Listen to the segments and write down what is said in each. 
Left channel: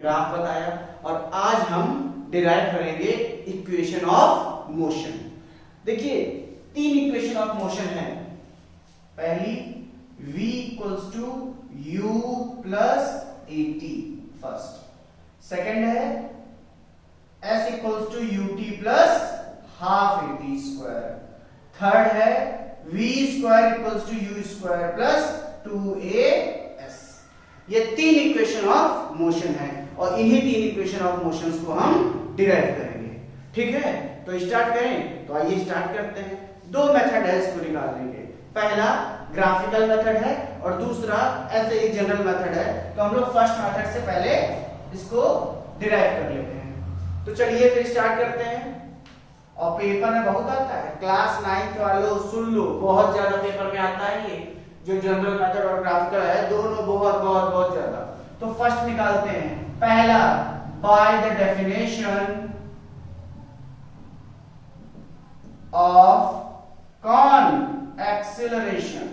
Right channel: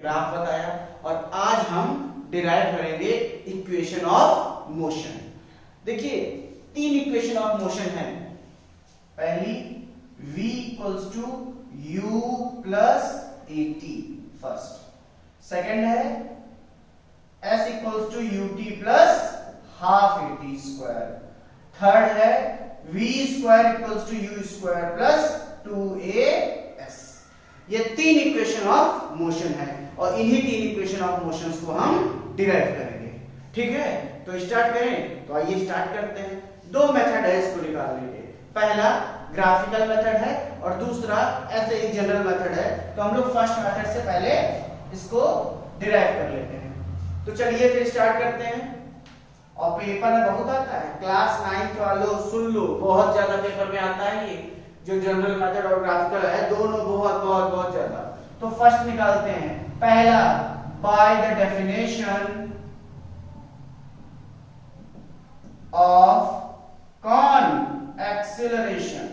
Graph बताया और आज हम डिराइव करेंगे इक्वेशन ऑफ मोशन। देखिए 3 इक्वेशन ऑफ मोशन है। पहली v equals to u plus at first. Second है s equals to ut plus half at स्क्वायर। थर्ड है v square equals to u square plus 2as। ये 3 equation of motion है और इन्हीं 3 इक्वेशन ऑफ मोशंस को हम डिराइव करेंगे। ठीक है, तो स्टार्ट करें। तो आइए स्टार्ट करते हैं। 2 मेथड है इसको निकालने के। पहला ग्राफिकल मेथड है और दूसरा ऐसे एक जनरल मेथड है। तो हम लोग फर्स्ट मेथड से पहले इसको डिराइव कर लेते हैं। तो चलिए फिर स्टार्ट करते हैं। और पेपर में बहुत आता है, क्लास 9 वालों सुन लो, बहुत ज्यादा पेपर में आता है ये जो जनरल मेथड और ग्राफिकल है, दोनों बहुत बहुत बहुत ज्यादा। तो फर्स्ट निकालते हैं। पहला बाय द डेफिनेशन ऑफ कौन acceleration.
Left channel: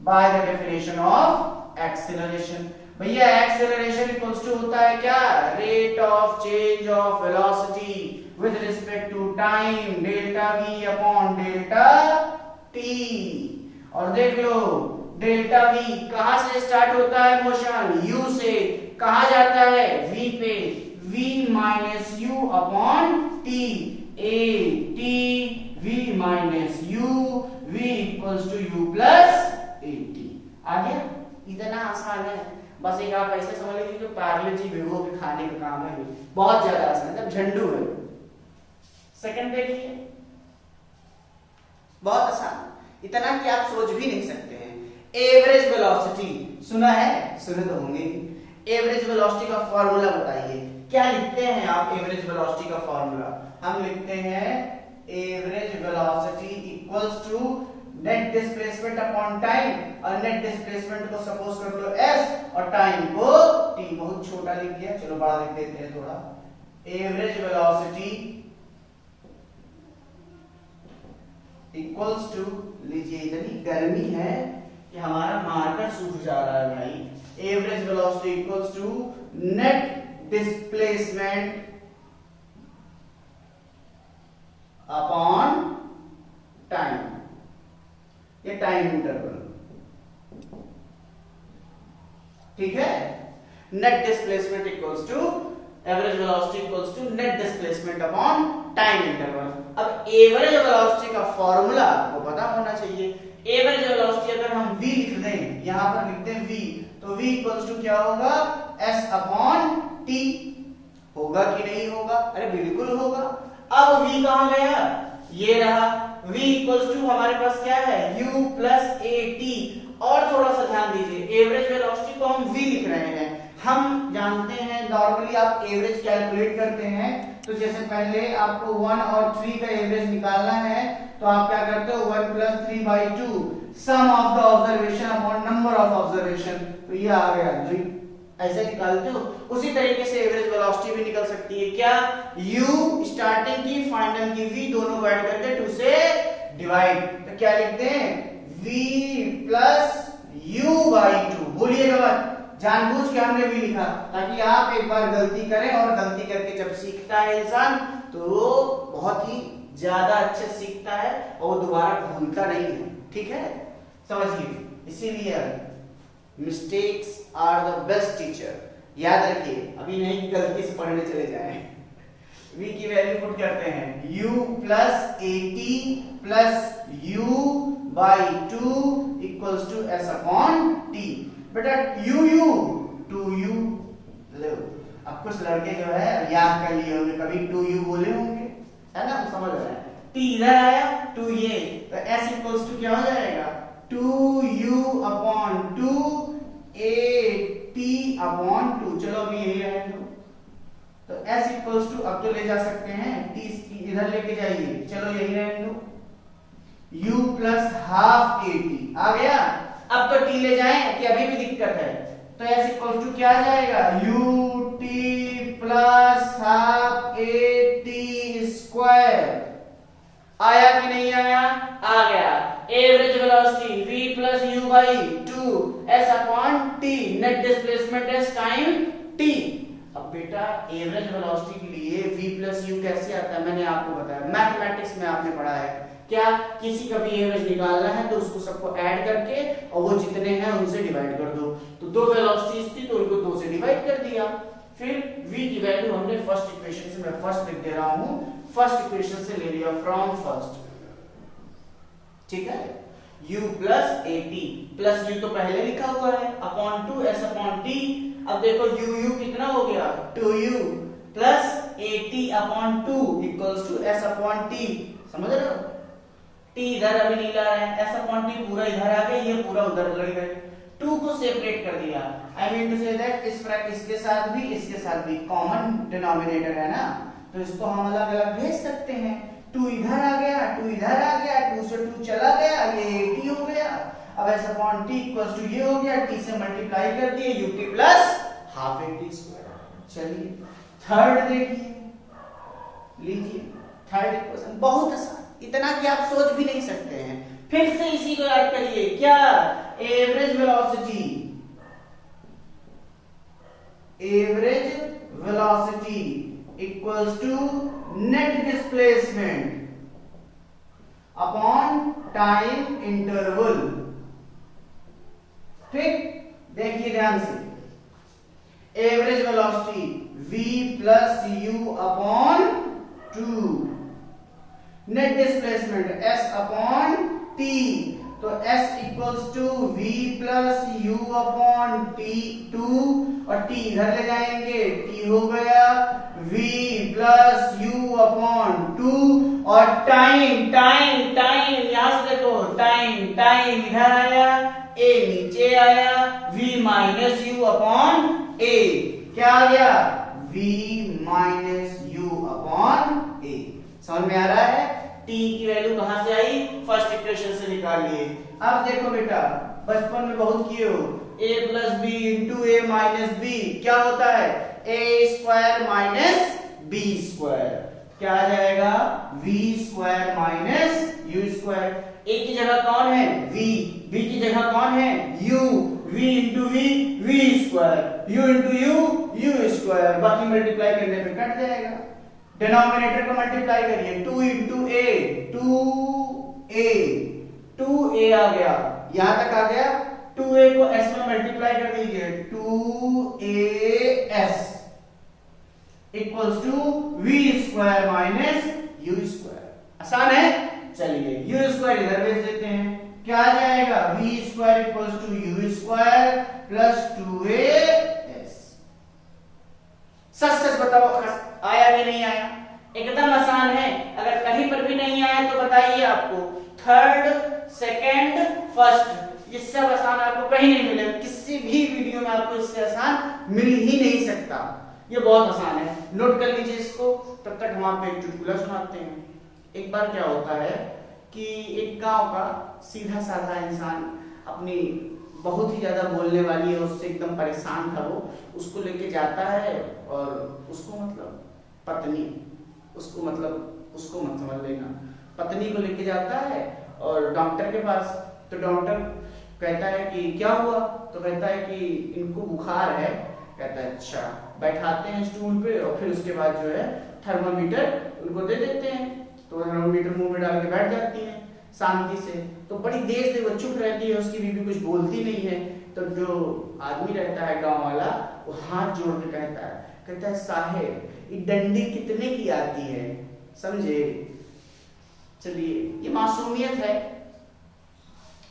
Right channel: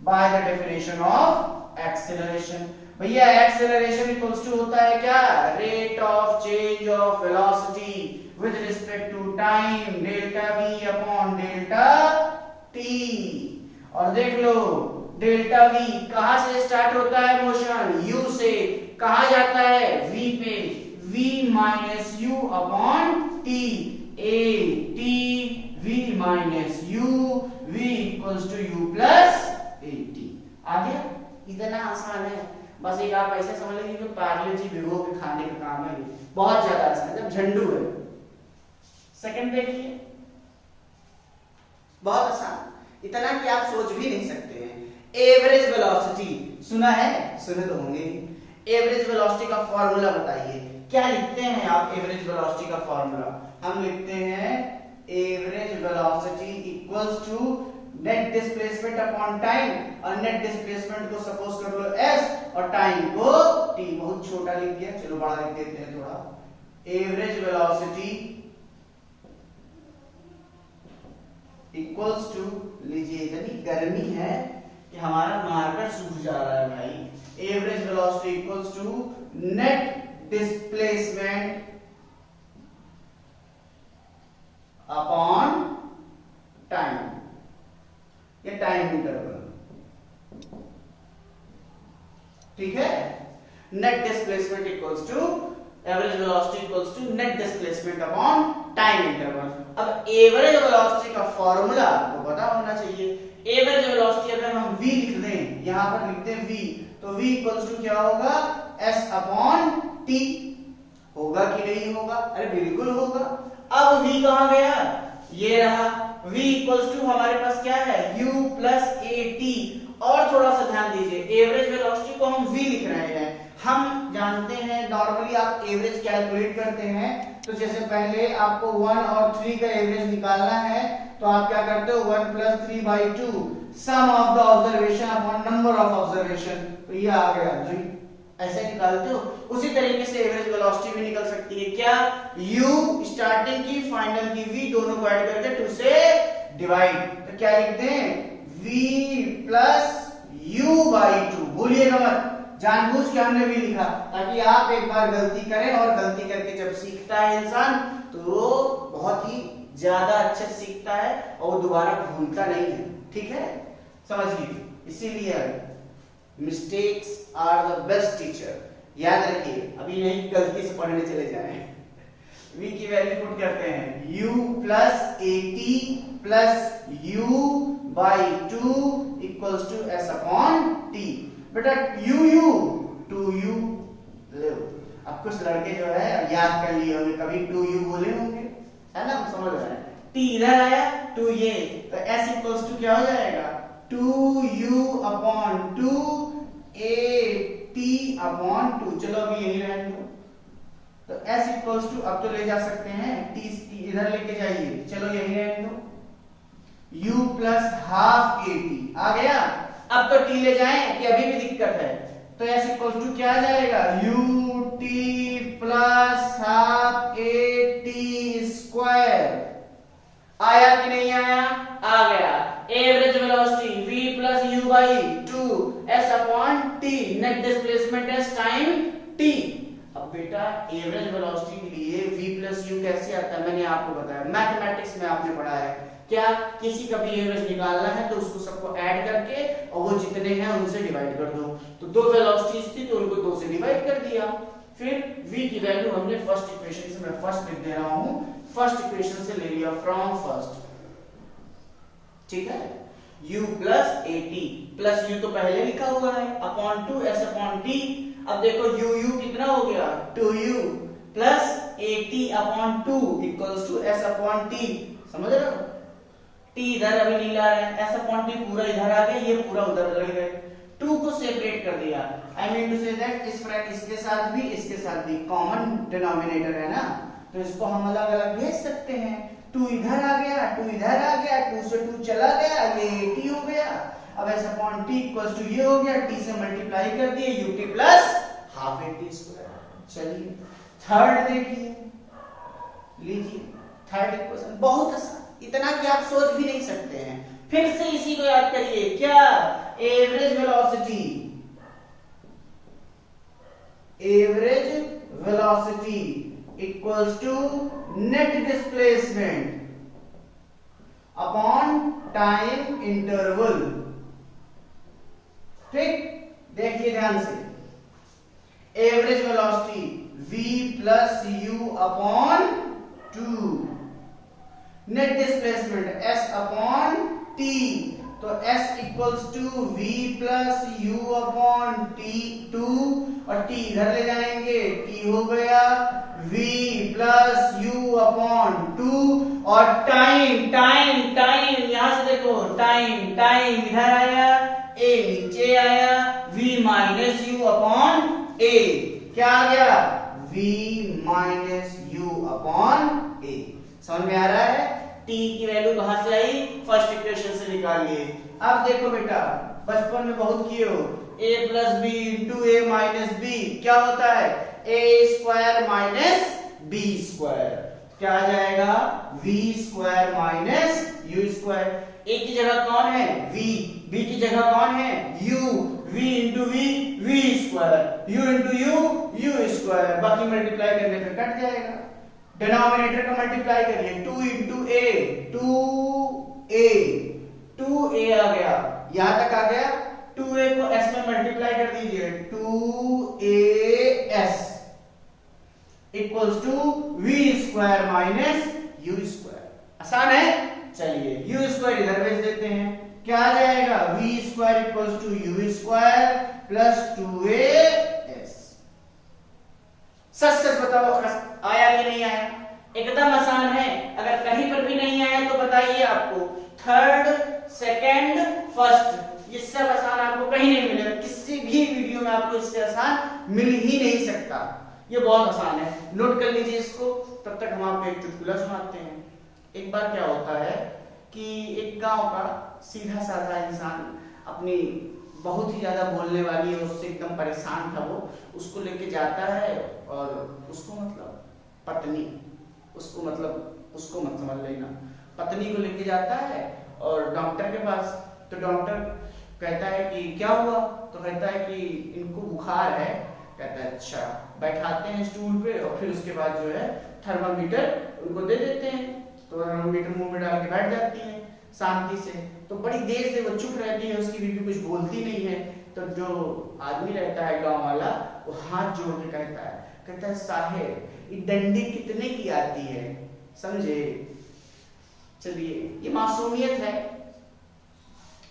By the definition of acceleration, भैया एक्सेलरेशन इक्वल्स टू होता है क्या? Rate of change of velocity with respect to time, delta v upon delta t। और देख लो डेल्टा v कहां से स्टार्ट होता है मोशन? u से। कहां जाता है? v पे। v minus u upon t, a t v minus u, v equals to u plus at। आ गया? इतना आसान है। बस एक आप ऐसे समझ लीजिए कि पार्ले जी भिगो के खाने का काम है। बहुत ज्यादा आसान है, झंडू है। सेकंड देखिए, बहुत आसान, इतना कि आप सोच भी नहीं सकते हैं। एवरेज वेलोसिटी सुना है? सुने तो होंगे। एवरेज वेलोसिटी का फॉर्मूला बताइए। क्या लिखते हैं आप एवरेज वेलोसिटी का फॉर्मूला? हम लिखते हैं average velocity equals to net displacement upon time. और नेट डिस्प्लेसमेंट को सपोज कर लो s और टाइम को t। बहुत छोटा लिख दिया, चलो बड़ा लिख देते हैं थोड़ा। एवरेज वेलोसिटी इक्वल्स टू, लीजिए इतनी गर्मी है कि हमारा मार्कर सूख जा रहा है भाई। Average velocity equals to net displacement upon time, ये टाइम इंटरवल। ठीक है, net displacement equals to average velocity equals to net displacement upon time interval. अब एवरेज वेलोसिटी का फॉर्मूला आपको पता होना चाहिए। एवरेज वेलोसिटी अगर हम v लिख दें, यहां पर लिखते हैं v, तो v इक्वल्स टू क्या होगा? s upon t। होगा कि नहीं होगा? अरे बिल्कुल होगा। अब v कहां गया? ये रहा। v इक्वल्स टू हमारे पास क्या है? u plus at। और थोड़ा सा ध्यान दीजिए, एवरेज वेलोसिटी को हम v लिख रहे हैं। हम जानते हैं नॉर्मली आप एवरेज कैलकुलेट करते हैं, तो जैसे पहले आपको 1 और 3 का एवरेज निकालना है तो आप क्या करते हो? 1 plus 3 by 2 sum of the observation upon number of observation. तो ये आ गया 3, ऐसे निकालते हो। उसी तरीके से एवरेज वेलोसिटी भी निकल सकती है। क्या? u स्टार्टिंग की फाइनल की v दोनों को ऐड करके 2 से डिवाइड। तो क्या लिखते हैं? v plus u by 2। बोलिएगा मत, जानबूझ के हमने भी लिखा ताकि आप एक बार गलती करें, और गलती करके जब सीखता है इंसान तो वो बहुत ही ज्यादा अच्छे सीखता है और वो दोबारा भूलता नहीं है। ठीक है, समझिए। इसीलिए mistakes are the best teacher. याद रखिए, अभी नहीं गलती से पढ़ने चले जाए। v की वैल्यू पुट करते हैं u plus at plus u by 2 equals to s upon t। बेटा u 2u लो। अब कुछ लड़के जो है याद कर लिए होंगे, कभी 2u बोले होंगे, है ना? समझ रहे हैं। t इधर आया, 2 ये, तो s इक्वल्स टू क्या हो जाएगा? 2u upon 2 at upon 2। चलो अभी यही रहने दो। तो s इक्वल्स टू, अब तो ले जा सकते हैं, t इधर लेके जाइए, चलो यही रहने दो। u प्लस हाफ at आ गया। अब तो t ले जाएं कि अभी भी दिक्कत है, तो s इक्वल्स टू क्या आ जाएगा? ut plus half at square. आया कि नहीं आया? आ गया। Average velocity v plus u by 2 s upon t, net displacement is time t। अब बेटा एवरेज वेलोसिटी के लिए v प्लस यू कैसे आता है, मैंने आपको बताया, मैथमेटिक्स में आपने पढ़ा है क्या, किसी का भी एवरेज निकालना है तो उसको सबको ऐड करके और वो जितने हैं उनसे डिवाइड कर दो। तो दो वेलोसिटीज थी तो उनको 2 से डिवाइड कर दिया। फिर v की वैल्यू हमने फर्स्ट इक्वेशन से, मैं फर्स्ट लिख दे रहा हूं, फर्स्ट इक्वेशन से ले लिया फ्रॉम फर्स्ट, ठीक है, u plus at plus u तो पहले लिखा हुआ है अपॉन 2 s अपॉन t। अब देखो u कितना हो गया 2u plus at upon 2 equals to s upon t, समझ रहे हो, t इधर अभी नहीं ला रहे हैं, s अपॉन t पूरा इधर आ गया, ये पूरा उधर लग गए, 2 को सेपरेट कर दिया। I mean to say that इसके साथ भी इसके साथ भी कॉमन डिनोमिनेटर है ना, तो इसको हम अलग अलग भेज सकते हैं। 2 इधर आ गया, 2 इधर आ गया, 2 से 2 चला गया, ये 80 हो गया। अब s upon t equals to ये हो गया, t से मल्टीप्लाई कर दिए ut plus half at square. चलिए थर्ड देखिए, लीजिए थर्ड इक्वेशन, बहुत आसान, इतना कि आप सोच भी नहीं सकते हैं। फिर से इसी को याद करिए, क्या, average velocity equals to net displacement upon time interval. ठीक, देखिए ध्यान से, average velocity v plus u upon 2, net displacement s upon t, तो s equals to v plus u upon t 2 और t इधर ले जाएंगे, t हो गया v प्लस यू अपॉन 2 और टाइम टाइम टाइम यहां से देखो, टाइम टाइम इधर आया, a नीचे आया, v minus you upon a, क्या आ गया v minus you upon a। समझ में आ रहा है, t की वैल्यू कहां से आई, फर्स्ट इक्वेशन से निकाल लिए। अब देखो बेटा, बचपन में बहुत किए हो, a plus b into a minus b क्या होता है, a square minus b square, क्या आ जाएगा v square minus u square. a की जगह कौन है v, b की जगह कौन है u, v into v v square, u into u square, बाकी मल्टीप्लाई करने पे कट जाएगा। डिनोमिनेटर को मल्टीप्लाई करिए, 2 इंटू ए 2a आ गया, यहां तक आ गया, 2a को s में मल्टीप्लाई कर दीजिए, 2as equals to v square minus u square. आसान है, चलिए u स्क्वायर इधर भेज देते हैं, क्या आ जाएगा v square equals to u square plus 2as। सच सच बताओ, आया कि नहीं आया, एकदम आसान है, अगर कहीं पर भी नहीं आया तो बताइए, आपको थर्ड सेकंड फर्स्ट, ये सब आसान आपको कहीं नहीं मिलेगा, किसी भी वीडियो में आपको इससे आसान मिल ही नहीं सकता, ये बहुत आसान है, नोट कर लीजिए इसको। तब तक हम आपको एक चुटकुला सुनाते हैं। एक बार क्या होता है कि एक गांव का सीधा साधा इंसान अपनी बहुत ही ज्यादा बोलने वाली है, उससे एकदम परेशान था वो, उसको लेके जाता है और उसको मतलब पत्नी, उसको मत समझ लेना, पत्नी को लेके जाता है और डॉक्टर के पास। तो डॉक्टर कहता है कि क्या हुआ, तो कहता है कि इनको बुखार है, कहता है अच्छा, बैठाते हैं स्टूल पे और फिर उसके बाद जो है थर्मामीटर उनको दे देते हैं, तो थर्मामीटर मुंह में डाल के बैठ जाती है शांति से। तो बड़ी देर से वो चुप रहती है, उसकी बीवी कुछ बोलती नहीं है। तो जो आदमी रहता है गांव वाला, वो हाथ जोड़ के कहता है साहेब ये डंडी कितने की आती है, समझे। चलिए ये मासूमियत है,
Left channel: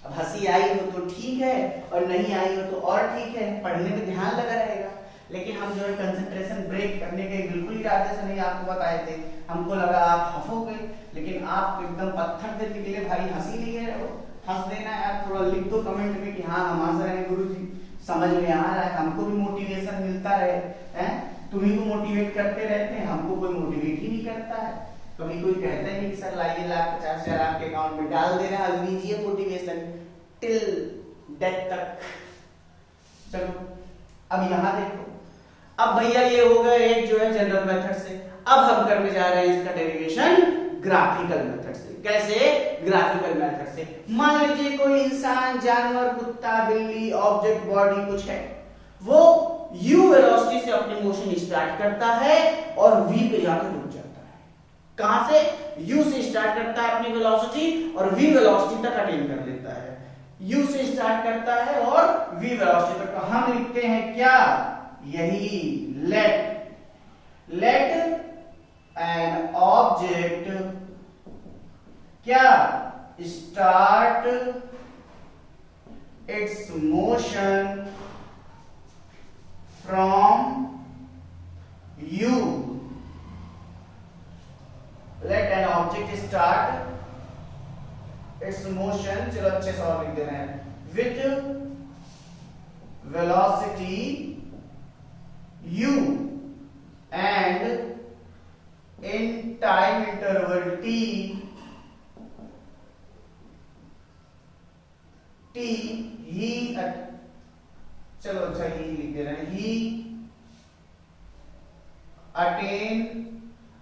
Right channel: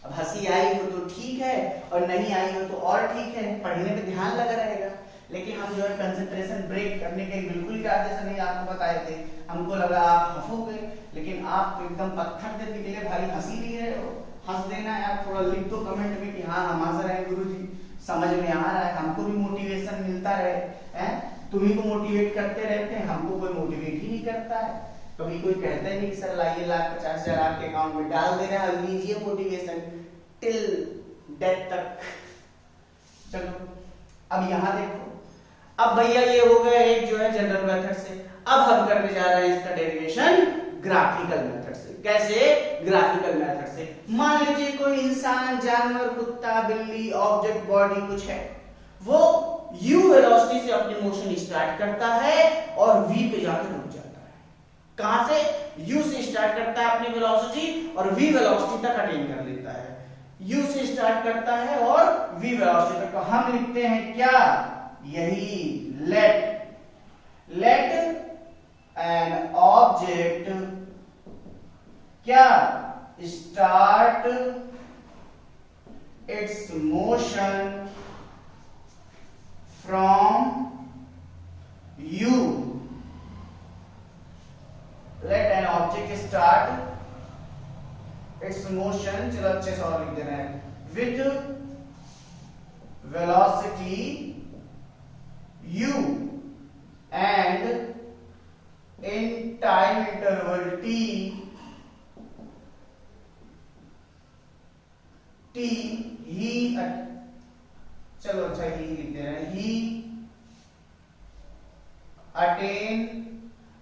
अब हंसी आई हो तो ठीक है और नहीं आई हो तो और ठीक है, पढ़ने पे ध्यान लगा रहेगा। लेकिन हम जो है कंसंट्रेशन ब्रेक करने के बिल्कुल इरादे से नहीं आपको बताए थे, हमको लगा आप हंसोगे, लेकिन आप एकदम पत्थर से निकले भाई, हंसी नहीं रहे हो, हंस देना है। आप थोड़ा लिख दो कमेंट में कि हाँ हम हंस रहे हैं गुरुजी, समझ में आ रहा है, हमको भी मोटिवेशन मिलता रहे हैं, तुम्ही को मोटिवेट करते रहते हैं, हमको कोई मोटिवेट ही नहीं करता है। कभी कोई कहता है नहीं सर लाइए 1,50,000 आपके अकाउंट में डाल दे रहा है, लीजिए मोटिवेशन टिल डेथ तक। चलो अब यहाँ देखो, अब भैया ये हो गया एक जो है जनरल मेथड से, अब हम करने जा रहे हैं इसका डेरिवेशन ग्राफिकल मेथड से। कैसे? ग्राफिकल मेथड से। मान लीजिए कोई इंसान, जानवर, कुत्ता, बिल्ली, ऑब्जेक्ट, बॉडी कुछ है, वो u वेलोसिटी से अपनी मोशन स्टार्ट करता है और v पे जाकर रुक जाता है। कहां से? u से स्टार्ट करता है अपनी वेलोसिटी और v वेलोसिटी तक अटेन कर लेता है। u से स्टार्ट करता है और v वेलोसिटी तक। तो हम लिखते हैं क्या? यही लेट एन ऑब्जेक्ट क्या? Start its motion from u। Let an object start its motion, चलो अच्छे से और लिख देना है, with velocity u and in time interval t ही, चलो अच्छा ही लिख दे रहे हैं, ही अटेन।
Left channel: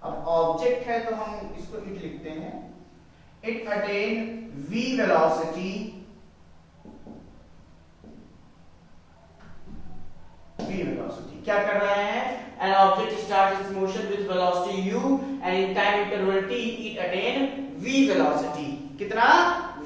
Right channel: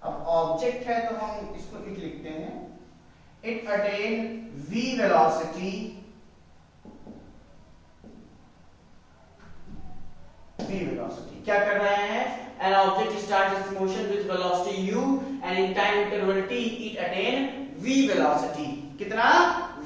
अब ऑब्जेक्ट है तो हम इसको इट लिखते हैं, इट अटेन v वेलोसिटी, क्या कर रहे हैं? An object starts its motion with velocity u and in time interval t it attain v velocity। कितना? v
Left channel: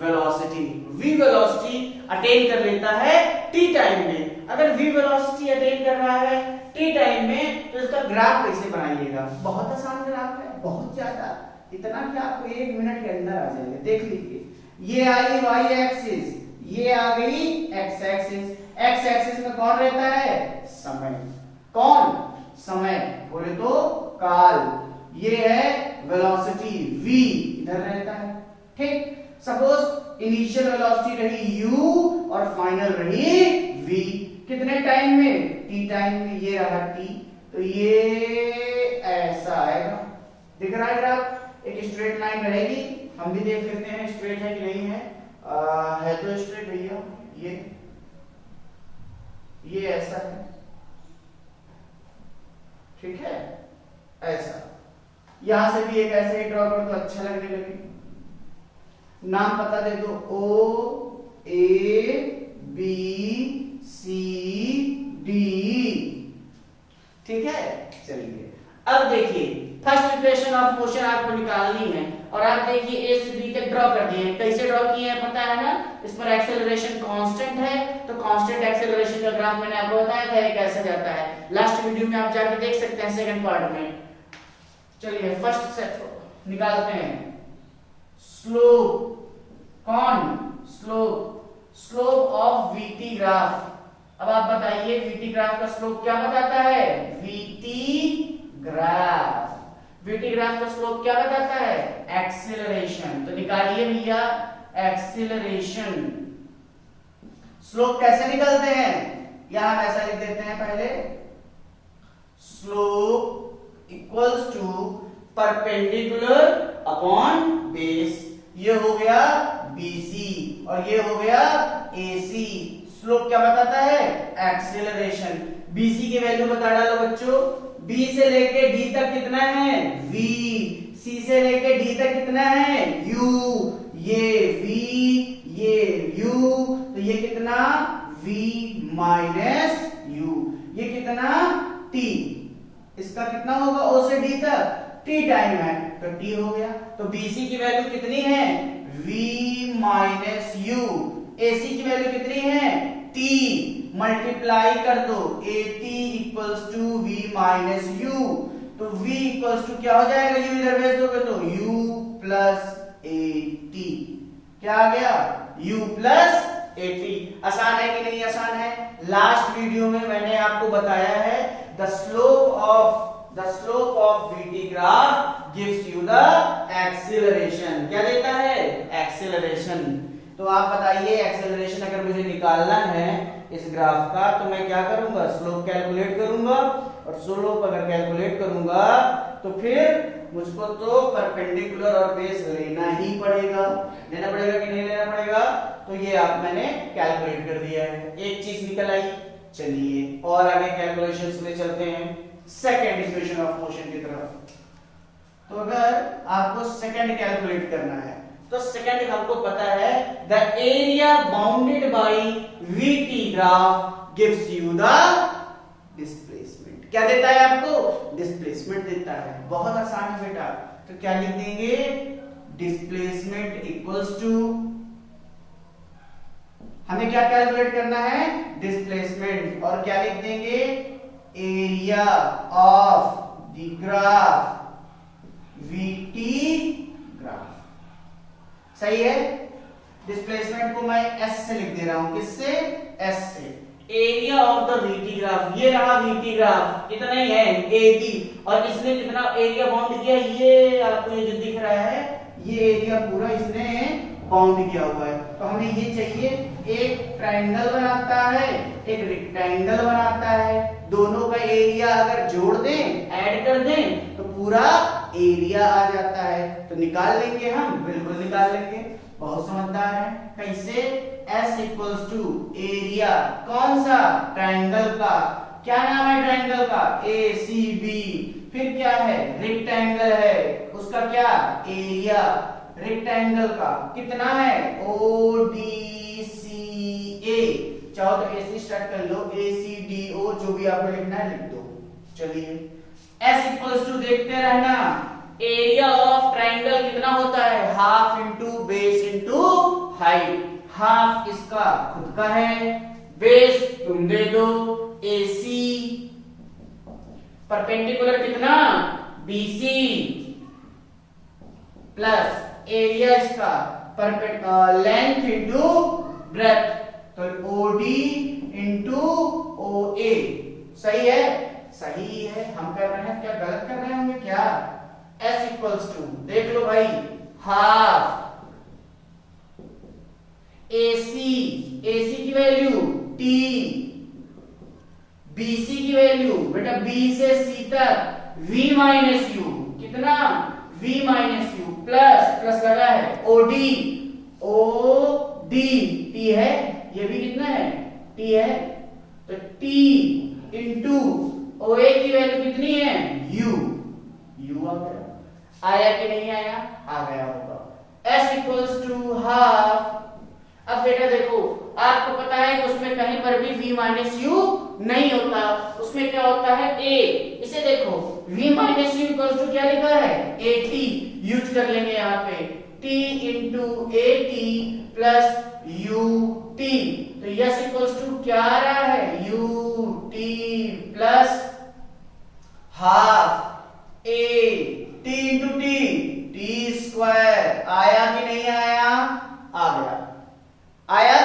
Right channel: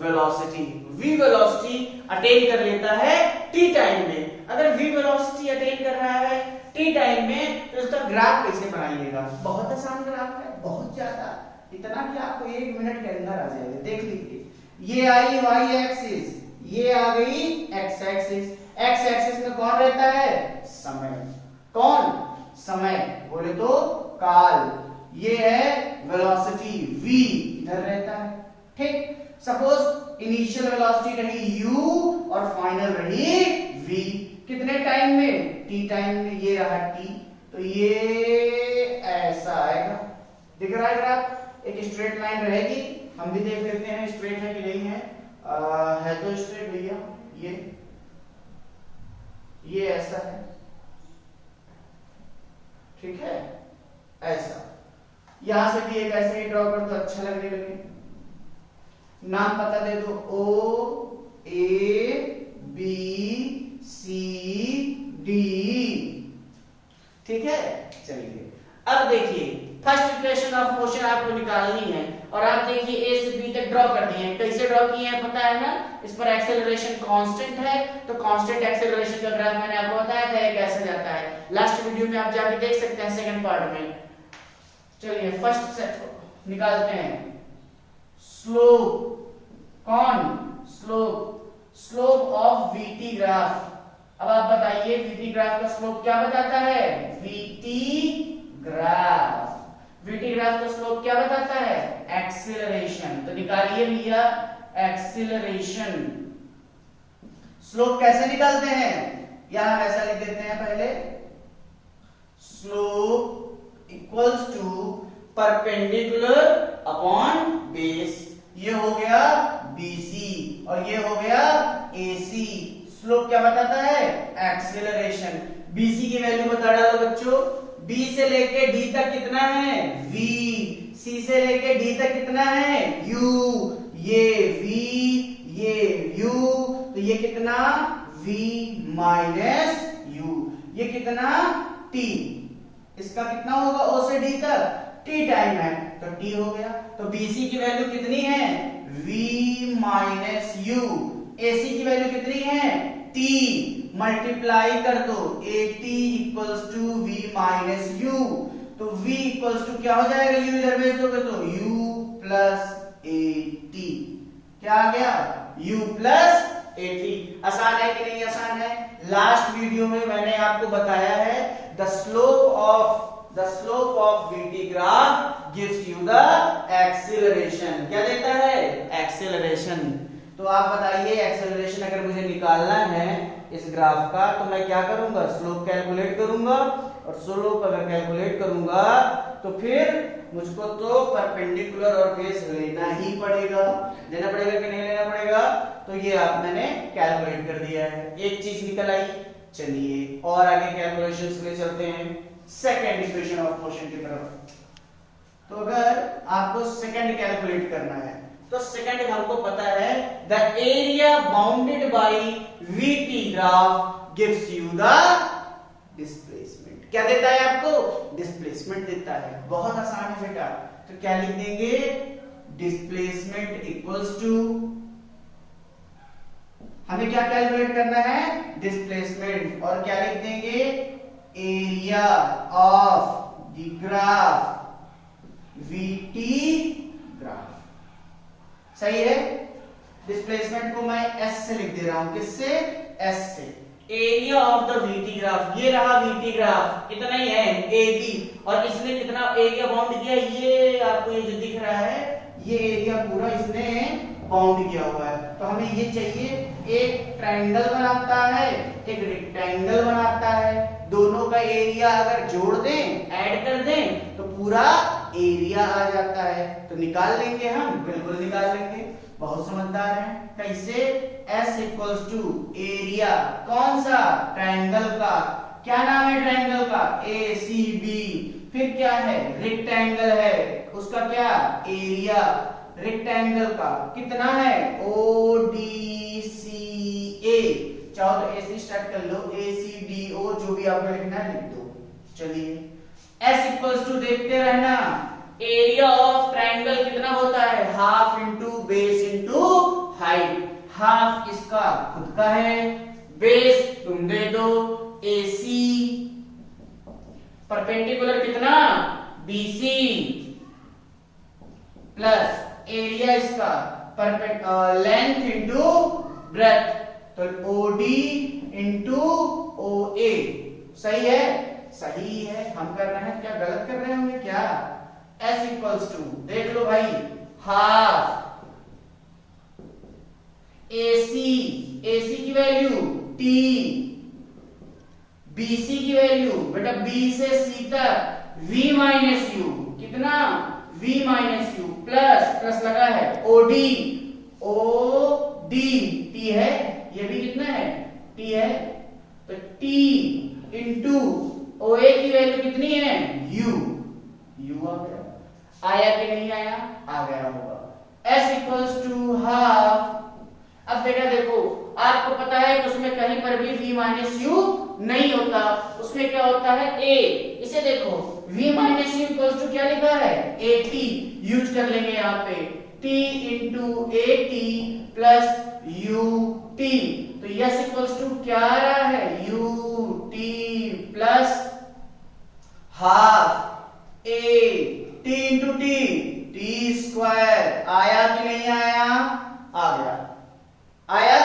velocity। v velocity attain कर लेता है t टाइम में। अगर v velocity अटेन कर रहा है t टाइम में तो इसका ग्राफ कैसे बनाइएगा? बहुत आसान ग्राफ है, बहुत ज्यादा, इतना कि आपको 1 मिनट के अंदर आ जाएगा। देख लीजिए, ये आई y एक्सिस, ये आ गई x एक्सिस। x एक्सिस में कौन रहता है? समय। कौन? समय, बोले तो काल। ये है वेलोसिटी v, इधर रहता है। ठीक, सपोज इनिशियल वेलोसिटी रही u और फाइनल रही v। कितने टाइम में? t टाइम में। ये रहा t, तो ये ऐसा आएगा। दिख रहा है ग्राफ? एक स्ट्रेट लाइन रहेगी, हम भी देख लेते हैं स्ट्रेट है कि नहीं है। है तो स्ट्रेट भैया, ये ऐसा है, ठीक है, ऐसा। यहां से भी एक ऐसे ही ड्रॉ कर दो, अच्छा लगने लगे। नाम पता दे दो, O A B C D, ठीक है। चलिए अब देखिए, फर्स्ट इक्वेशन ऑफ मोशन आपको निकालनी है और आप देखिए ए से बी तक ड्रॉ कर दिए हैं। कैसे ड्रॉ किए हैं पता है ना? इस पर एक्सेलरेशन कांस्टेंट है, तो कांस्टेंट एक्सेलरेशन का ग्राफ मैंने आपको बताया था ये कैसे जाता है। लास्ट वीडियो में आप जाके देख सकते हैं सेकंड पार्ट में। चलिए फर्स्ट सेट निकालते हैं। स्लोप, कौन? Slope of VT graph. अब आप बताइए वीटी ग्राफ का स्लोप क्या बताता है? वीटी ग्राफ का स्लोप क्या बताता है? एक्सीलरेशन। तो निकालिए भैया एक्सीलरेशन। स्लोप कैसे निकालते हैं? यहां हम ऐसा लिख देते हैं पहले, slope equals to perpendicular upon base. ये हो गया BC और ये हो गया AC। स्लोप क्या बताता है? एक्सीलरेशन। BC की वैल्यू बता डालो बच्चों। B से लेके D तक कितना है? V। C से लेके D तक कितना है? U। ये V, ये U, तो ये कितना? V minus U। ये कितना? T। इसका कितना होगा O से D तक? T टाइम है तो T हो गया। तो BC की वैल्यू कितनी है? V minus U। AC की वैल्यू कितनी है? T। मल्टीप्लाई कर दो, AT equals to V minus U। तो V इक्वल्स टू क्या हो जाएगा? U इधर भेज दोगे तो U प्लस AT। क्या आ गया? U plus AT। आसान है कि नहीं आसान है? लास्ट वीडियो में मैंने आपको बताया है the slope of VT graph gives you the acceleration. क्या देता है? एक्सीलरेशन। तो आप बताइए एक्सेलरेशन अगर मुझे निकालना है इस ग्राफ का तो मैं क्या करूंगा? स्लोप कैलकुलेट करूंगा और स्लोप अगर कैलकुलेट करूंगा तो फिर मुझको तो परपेंडिकुलर और बेस लेना ही पड़ेगा। लेना पड़ेगा कि नहीं लेना पड़ेगा? तो ये आप मैंने कैलकुलेट कर दिया है, एक चीज निकल आई। चलिए और आगे कैलकुलेशंस में चलते हैं सेकंड इक्वेशन ऑफ मोशन की तरफ। तो अगर आपको सेकंड कैलकुलेट करना है तो सेकंड हमको पता है the area bounded by VT graph gives you the displacement. क्या देता है आपको? डिस्प्लेसमेंट देता है। बहुत आसान है बेटा। तो क्या लिख देंगे? डिस्प्लेसमेंट इक्वल्स टू, हमें क्या कैलकुलेट करना है? डिस्प्लेसमेंट। और क्या लिख देंगे? Area of the graph, VT graph. सही है। डिस्प्लेसमेंट को मैं एस से लिख दे रहा हूं। किससे? एस से। Area of the VT graph, ये रहा वीटी ग्राफ, कितना ही है? A B. और इसने कितना एरिया बाउंड किया? ये आपको ये जो दिख रहा है, ये एरिया पूरा इसने बाउंड किया हुआ है। तो हमें ये चाहिए, एक ट्रायंगल बनाता है, एक रेक्टेंगल बनाता है। दोनों का एरिया अगर जोड़ दें, ऐड कर दें, तो पूरा एरिया आ जाता है। तो निकाल लेंगे हम, बिल्कुल निकाल लेंगे। बहुत समझदार है। कैसे? S इक्वल्स टू एरिया, कौन सा? ट्रायंगल का। क्या नाम है ट्रायंगल का? ACB। फिर क्या है? रेक्टेंगल है, उसका क्या? एरिया। रेक्टेंगल का कितना है? ODCA। चाहो तो AC स्टार्ट कर लो, ACDO, जो भी आपने लिखना है लिख दो। चलिए, S इक्वल्स टू देखते रहना, एरिया ऑफ ट्रायंगल कितना होता है? Half into base into height. Half इसका खुद का है, बेस तुम दे दो, AC परपेंडिकुलर कितना? BC प्लस एरिया इसका लेंथ इंटू ब्रेथ, तो OD इंटू OA। सही है? सही है। हम कर रहे हैं क्या? गलत कर रहे होंगे क्या? S इक्वल्स टू, देख लो भाई, हाफ AC की वैल्यू T, BC की वैल्यू बेटा B से C तक V माइनस U, कितना? V माइनस U प्लस लगा है OD T है, ये भी कितना है? T है। तो T इंटू OA की वैल्यू कितनी है? U आ गया। आया कि नहीं आया? आ गया होगा। S equals to half. अब बेटा देखो, आपको पता है कि उसमें कहीं पर भी V माइनस यू नहीं होता, उसमें क्या होता है? A। इसे देखो, V minus u equals to क्या लिखा है? AT। यूज कर लेंगे यहाँ पे, T into AT plus UT। तो यस इक्वल्स टू क्या आ रहा है? UT plus half A T into T square. आया कि नहीं आया? आ गया। आया।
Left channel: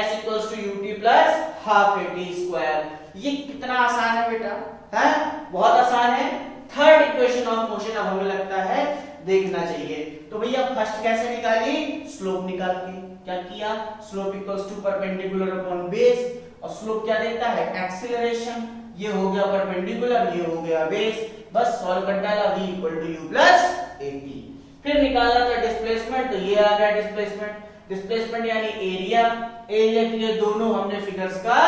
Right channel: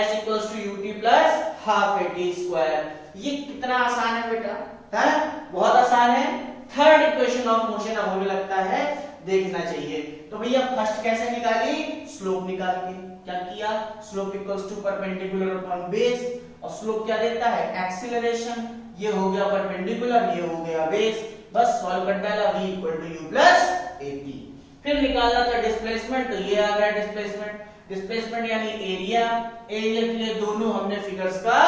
S equals to UT plus half AT square. ये कितना आसान है बेटा, है? बहुत आसान है। थर्ड इक्वेशन ऑफ मोशन अब हमें लगता है देखना चाहिए। तो भैया फर्स्ट कैसे निकाली? स्लोप निकाल के। क्या किया? Slope equals to perpendicular upon base. और स्लोप क्या देता है? एक्सीलरेशन। ये हो गया परपेंडिकुलर, ये हो गया बेस। बस सॉल्व कर डाला, V equal to U plus AT। फिर निकालना था डिस्प्लेसमेंट, तो ये आ गया डिस्प्लेसमेंट। डिस्प्लेसमेंट यानी एरिया के लिए दोनों हमने फिगर्स का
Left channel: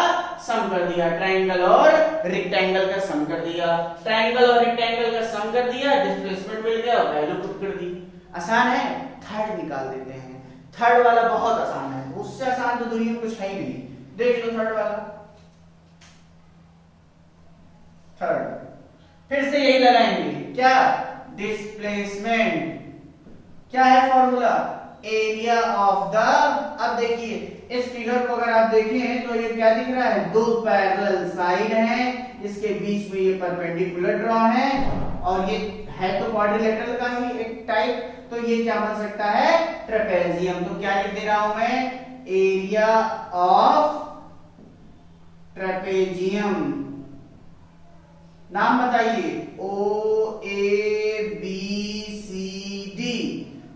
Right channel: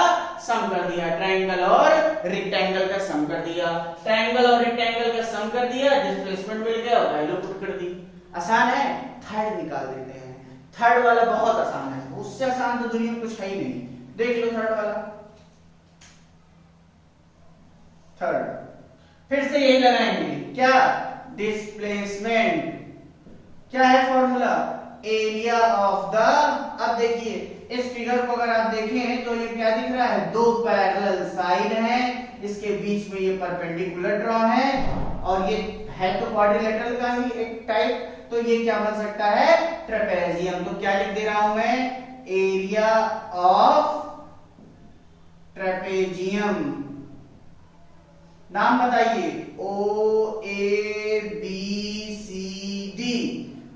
सम कर दिया, ट्रायंगल और रेक्टेंगल का सम कर दिया। ट्रायंगल और रेक्टेंगल का सम कर दिया, डिस्प्लेसमेंट मिल गया, वैल्यू पुट कर दी। आसान है। थर्ड निकाल देते हैं। थर्ड वाला बहुत आसान है, उससे आसान तो दुनिया में कुछ है ही नहीं। देख लो थर्ड वाला। थर्ड फिर से यही लगाएंगे, क्या? डिस्प्लेसमेंट। क्या है फॉर्मूला? एरिया ऑफ द, अब देखिए इस फिगर को अगर आप देखें तो ये क्या दिख रहा है? दो पैरेलल साइड हैं, इसके बीच में ये परपेंडिकुलर ड्रॉ है, और ये है तो क्वाड्रिलेटरल का ही एक टाइप, तो ये क्या बन सकता है? ट्रेपेजियम। तो क्या लिख दे रहा हूं मैं? Area of trapezium. नाम बताइए। OABCD।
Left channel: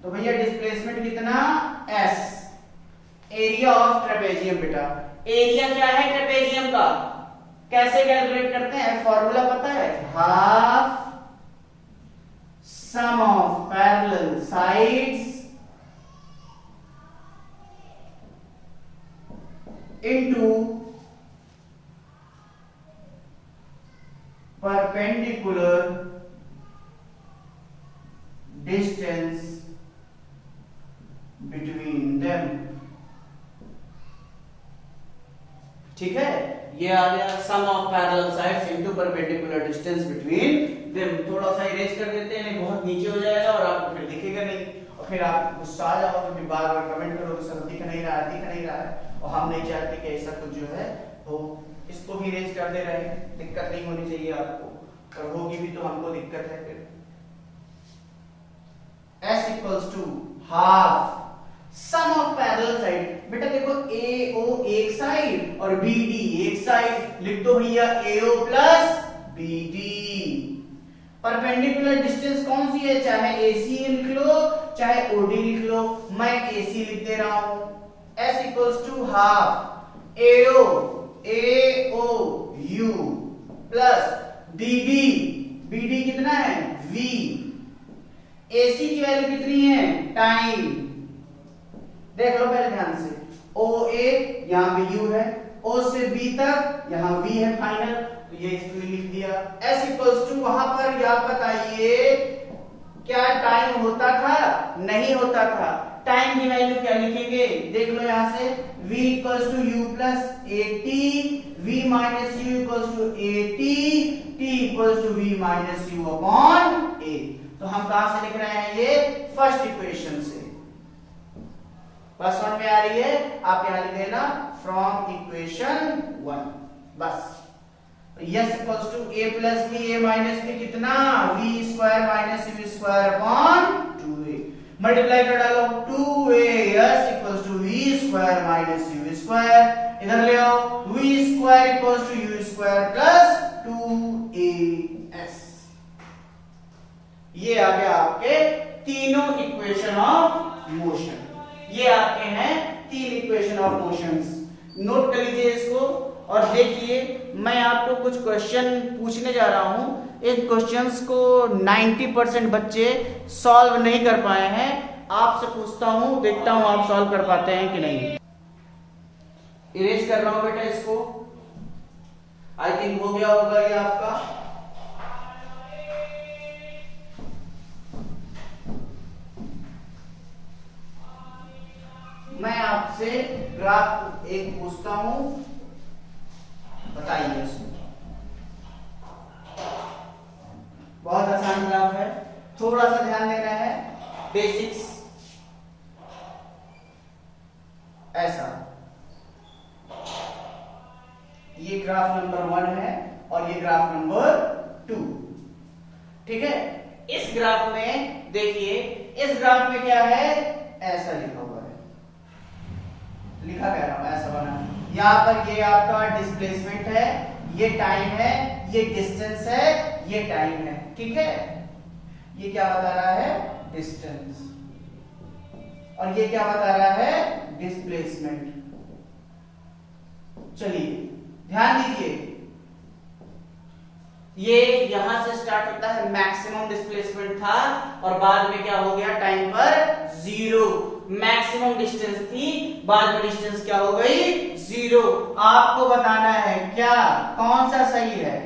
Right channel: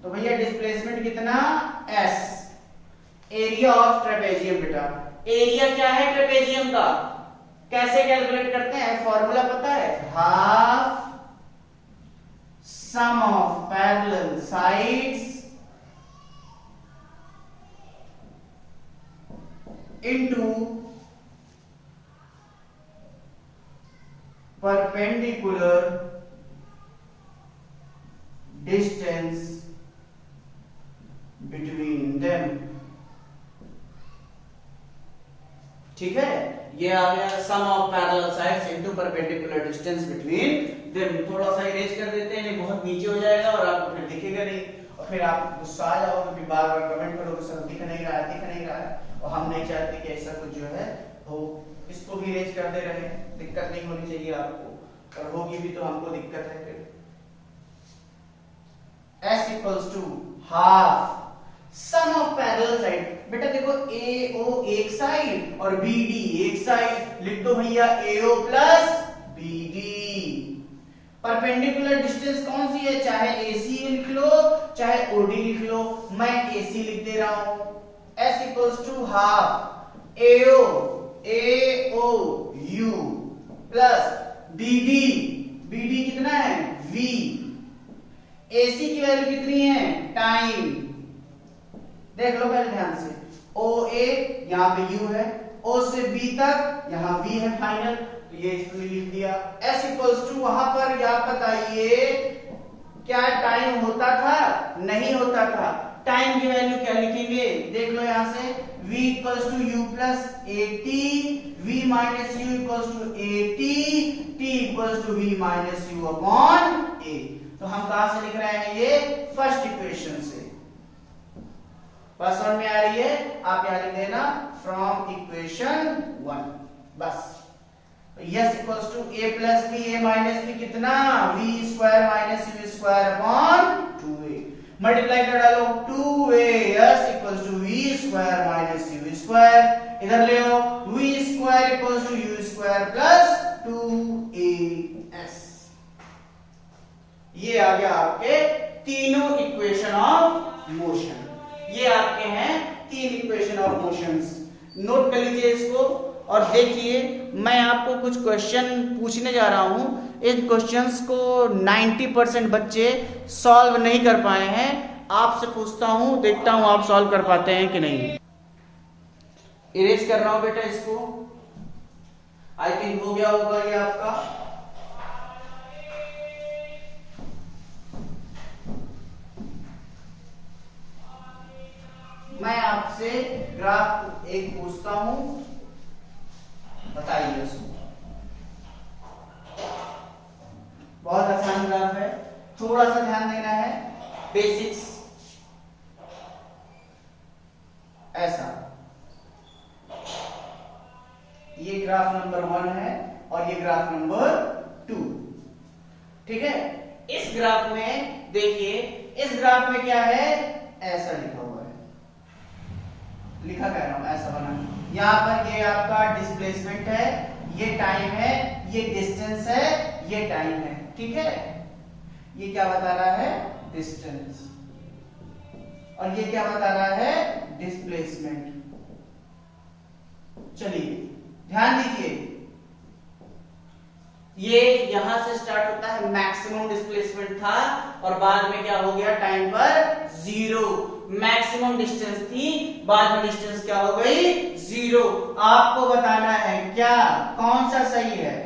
तो भैया डिस्प्लेसमेंट कितना? S। एरिया ऑफ ट्रेपेजियम बेटा। एरिया क्या है ट्रेपेजियम का? कैसे कैलकुलेट करते हैं? फॉर्मूला पता है? Half sum of parallel sides into perpendicular distance between them. ठीक है, ये आ गया sum of parallel sides into perpendicular distance between them. थोड़ा सा इरेज कर देते हैं, नहीं बहुत नीचे हो जाएगा और आपको फिर दिखेगा नहीं, और फिर आप गुस्सा आ जाओगे, फिर बार बार कमेंट करोगे सर दिख नहीं रहा है, दिख नहीं रहा है, और हम नहीं चाहते कि ऐसा कुछ जो है हो। इसको भी इरेज करते रहे, दिक्कत नहीं होनी चाहिए आपको, और होगी भी तो हमको दिक्कत है फिर। S equals to half sum of parallel side. बेटा देखो AO एक साइड और BD एक साइड, लिख दो भैया AO plus BD। Perpendicular distance कौन सी है, चाहे AC लिख लो चाहे OD लिख लो, मैं AC लिख दे रहा हूं। S equals to half AO U plus BD कितना है V। AC की वैल्यू कितनी है टाइम, देख लो पहले ध्यान से, OA यहाँ पे U है, O से B तक यहाँ V है फाइनल, तो ये इसमें लिख दिया। S इक्वल्स टू वहां पर आप बताइए क्या टाइम होता था, नहीं होता था। टाइम की वैल्यू क्या लिखेंगे, देख लो यहाँ से V equals to U plus AT, V minus U equals to AT, T equals to V minus U upon A। तो हम कहां से लिख रहे हैं, ये फर्स्ट इक्वेशन से। बस समझ में आ रही है, आप यहां लिख देना फ्रॉम इक्वेशन 1 बस। S equals to A plus B, A minus B कितना V square minus U square upon 2A। Multiply कर डालो 2AS equals to V square minus U square, इधर ले आओ V square equals to U square plus 2AS। ये आ गया आपके तीनों इक्वेशन ऑफ मोशन, ये आपके हैं 3 इक्वेशन ऑफ मोशंस। नोट कर लीजिए इसको, और देखिए मैं आपको कुछ क्वेश्चन पूछने जा रहा हूं। इन क्वेश्चंस को 90% बच्चे सॉल्व नहीं कर पाए हैं, आपसे पूछता हूं, देखता हूं आप सॉल्व कर पाते हैं कि नहीं। इरेज कर रहा हूं बेटा इसको, आई थिंक हो गया होगा ये आपका। मैं आपसे ग्राफ एक पूछता हूं, बताइए उसको। बहुत आसान ग्राफ है, थोड़ा सा ध्यान देना है, बेसिक्स। ऐसा ये ग्राफ नंबर 1 है और ये ग्राफ नंबर 2, ठीक है। इस ग्राफ में देखिए, इस ग्राफ में क्या है, ऐसा लिखा हुआ है, लिखा कह रहा हूं ऐसा बना। यहां पर ये आपका डिस्प्लेसमेंट है, ये टाइम है, ये डिस्टेंस है, ये टाइम है, ठीक है। ये क्या बता रहा है, डिस्टेंस, और ये क्या बता रहा है, डिस्प्लेसमेंट। चलिए ध्यान दीजिए, ये यहां से स्टार्ट होता है, मैक्सिमम डिस्प्लेसमेंट था और बाद में क्या हो गया, टाइम पर 0। मैक्सिमम डिस्टेंस थी, बाद में डिस्टेंस क्या हो गई, 0। आपको बताना है क्या, कौन सा सही है,